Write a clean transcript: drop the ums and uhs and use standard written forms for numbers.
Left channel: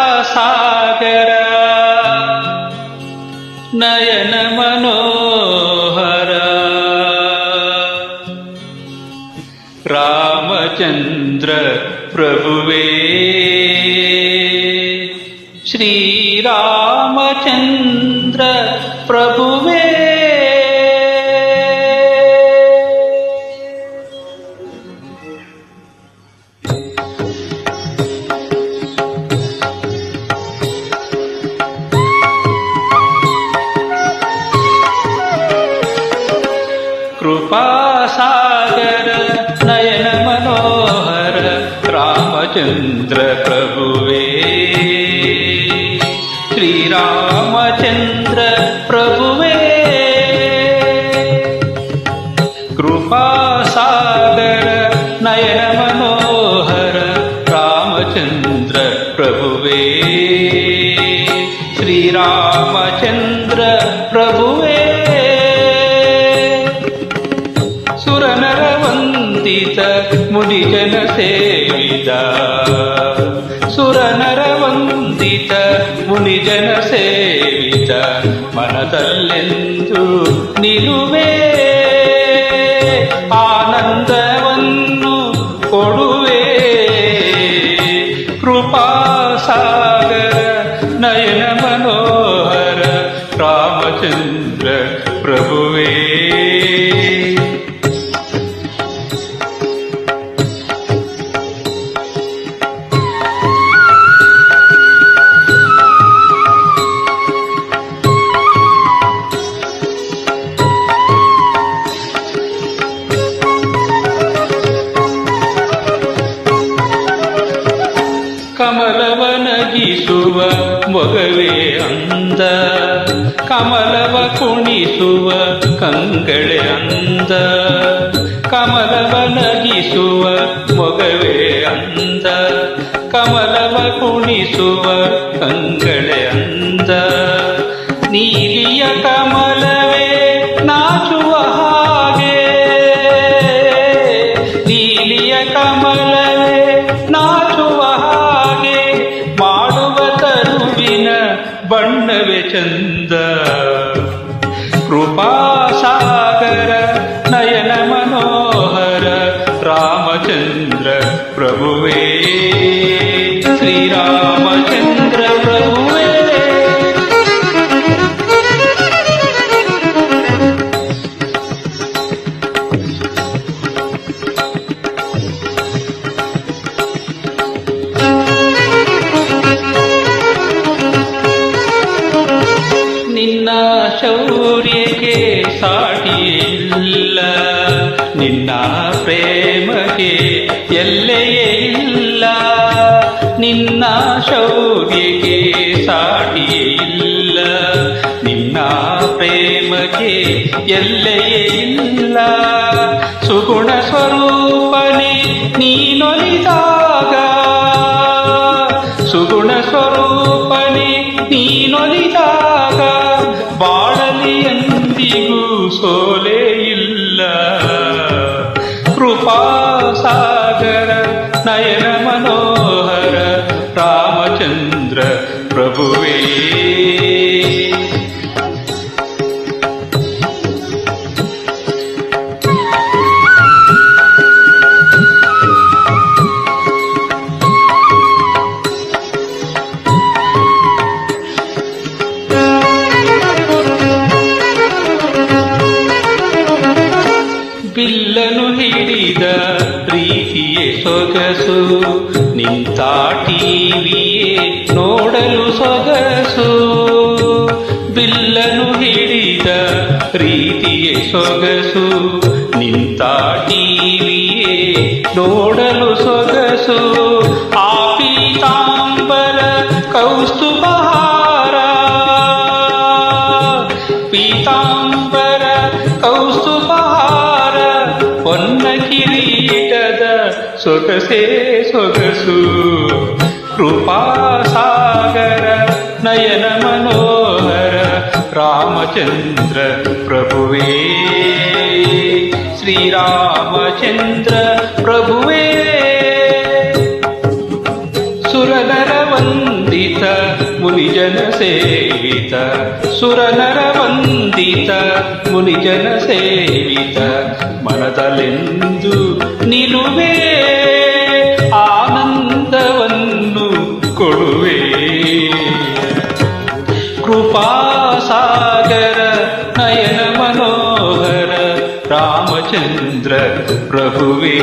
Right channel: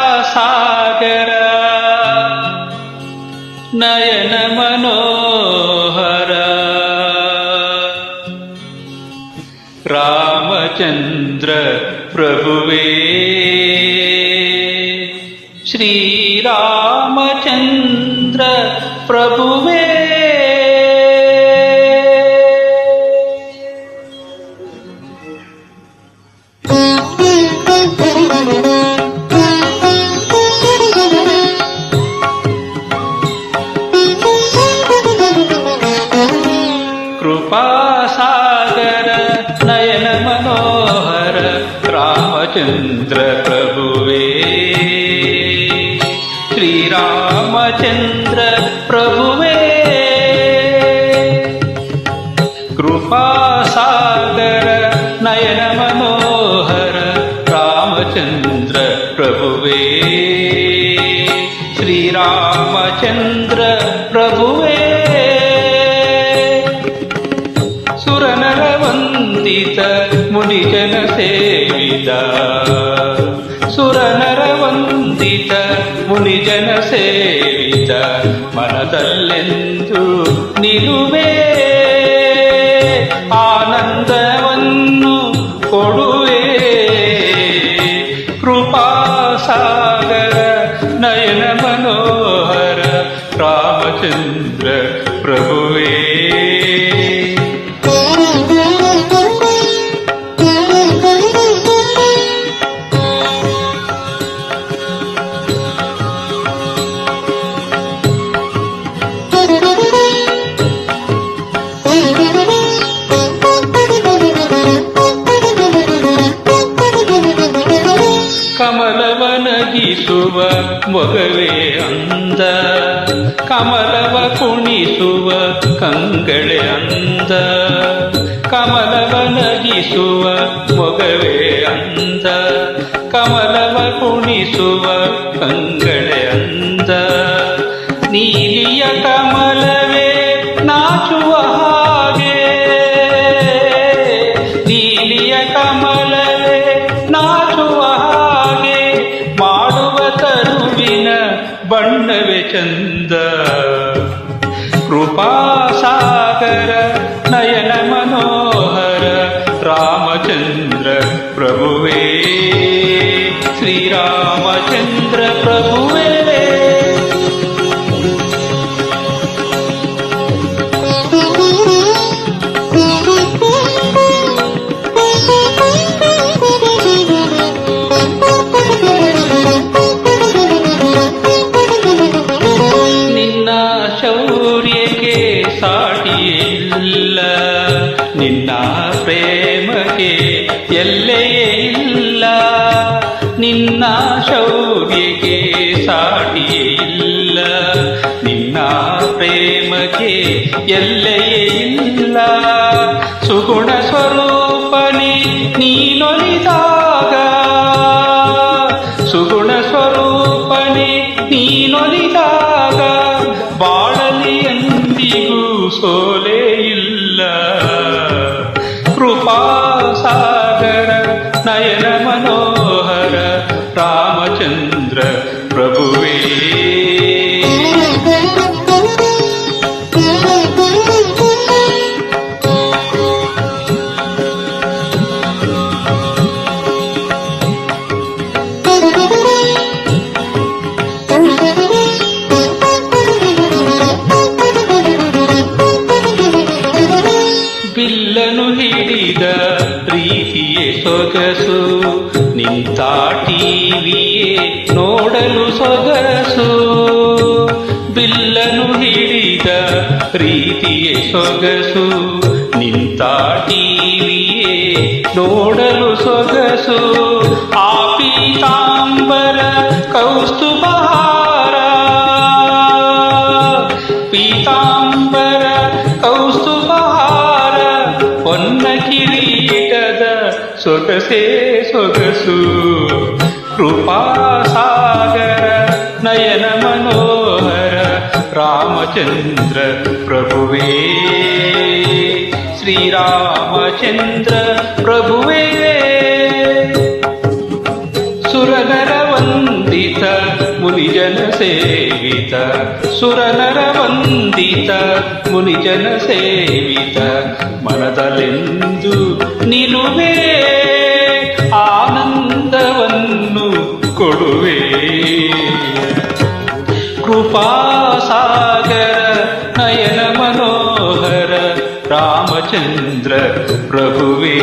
ಕೃಪಾಸಾಗರ ನಯನ ಮನೋಹರ ರಾಮಚಂದ್ರ ಪ್ರಭುವೇ ಶ್ರೀರಾಮಚಂದ್ರ ಪ್ರಭುವೇ ಕೃಪಾಸಾಗರ ನಯನ ಮನೋಹರ ರಾಮಚಂದ್ರ ಪ್ರಭುವೇ ಶ್ರೀರಾಮಚಂದ್ರ ಪ್ರಭುವೇ ಕೃಪಾಸಾಗರ ನಯನ ಮನೋಹರ ರಾಮಚಂದ್ರ ಪ್ರಭುವೇ ಶ್ರೀರಾಮಚಂದ್ರ ಪ್ರಭುವೇ ಸುರನರ ವಂದಿತ ಮುನಿಜನ ಸೇವಿತ ಸುರನರ ವಂದಿತ ಮುನಿಜನ ಸೇವಿತ ಮನದಲ್ಲೆಂದು ನಿಲುವೆ ಆನಂದವನ್ನು ಕೊಡುವೆ ಕೃಪಾಸಾಗರ ನಯನ ಮನೋಹರ ರಾಮಚಂದ್ರ ಪ್ರಭುವೇ ಕಮಲವನಗಿಸುವ ಮೊಗವೇ ಅಂದ ಕಮಲವ ಕುಣಿಸುವ ಕಂಗಳೆ ಅಂದ ಕಮಲವನಗಿಸುವ ಮೊಗವೇ ಅಂದ ಕಮಲವ ಕುಣಿಸುವ ಕಂಗಳೆ ಅಂದ ನೀಲಿಯ ಕಮಲವೇ ನಾಚುವ ಹಾಗೆ ನೀಲಿಯ ಕಮಲವೇ ನಾಚುವ ಹಾಗೆ ಮಾಡುವ ತರುವಿನ ಬಣ್ಣವೇ ಚಂದ ಕೃಪಾಸಾಗರ ನಯನ ಮನೋಹರ ರಾಮಚಂದ್ರ ಪ್ರಭುವೇ ಶ್ರೀರಾಮಚಂದ್ರ ಪ್ರಭುವೇ ಶೌರ್ಯಕ್ಕೆ ಸಾಟಿಯಿಲ್ಲ ನಿನ್ನ ಪ್ರೇಮಕ್ಕೆ ಎಲ್ಲೆಯೇ ಇಲ್ಲ ನಿನ್ನ ಶೌರ್ಯಕ್ಕೆ ಸಾಟಿಯೇ ಇಲ್ಲ ನಿನ್ನ ಪ್ರೇಮಕ್ಕೆ ಎಲ್ಲೆಯೇ ಇಲ್ಲ ಸುಗುಣ ಸ್ವರೂಪನೇ ನೀನೊಲಿದಾಗ ಸುಗುಣ ಸ್ವರೂಪನೇ ನೀನೊಲಿದಾಗ ಬಾಳಲಿ ಎಂದಿಗೂ ಸೋಲೇ ಇಲ್ಲ ಕೃಪಾಸಾಗರ ನಯನ ಮನೋಹರ ರಾಮಚಂದ್ರ ಪ್ರಭುವೇ ಬಿಲ್ಲನು ಹಿಡಿದ ಪ್ರೀತಿಯೇ ಸೊಗಸು ನಿಂತಾಟಿವಿಯೇ ನೋಡಲು ಸೊಗಸು ಬಿಲ್ಲನು ಹಿಡಿದ ಪ್ರೀತಿಯೇ ಸೊಗಸು ನಿಂತಾಟಿವಿಯೇ ನೋಡಲು ಸೊಗಸು ಆ ಪೀತಾಂಬರ ಕೌಸ್ತುಭಹಾರ ಪೀತಾಂಬರ ಕೌಸ್ತುಭಹಾರ ಹೊನ್ನ ಕಿರೀಟದ ಸೊಗಸೇ ಸೊಗಸು ಕೃಪಾಸಾಗರ ನಯನ ಮನೋಹರ ರಾಮಚಂದ್ರ ಪ್ರಭುವೇ ಶ್ರೀರಾಮಚಂದ್ರ ಪ್ರಭುವೇ ಸುರನರ ವಂದಿತ ಮುನಿಜನ ಸೇವಿತ ಸುರನರ ವಂದಿತ ಮುನಿಜನ ಸೇವಿತ ಮನದಲೆಂದು ನಿಲುವೆ ಆನಂದವನ್ನು ಕೊಡುವೆ ಕೃಪಾಸಾಗರ ನಯನ ಮನೋಹರ ರಾಮಚಂದ್ರ ಪ್ರಭುವೇ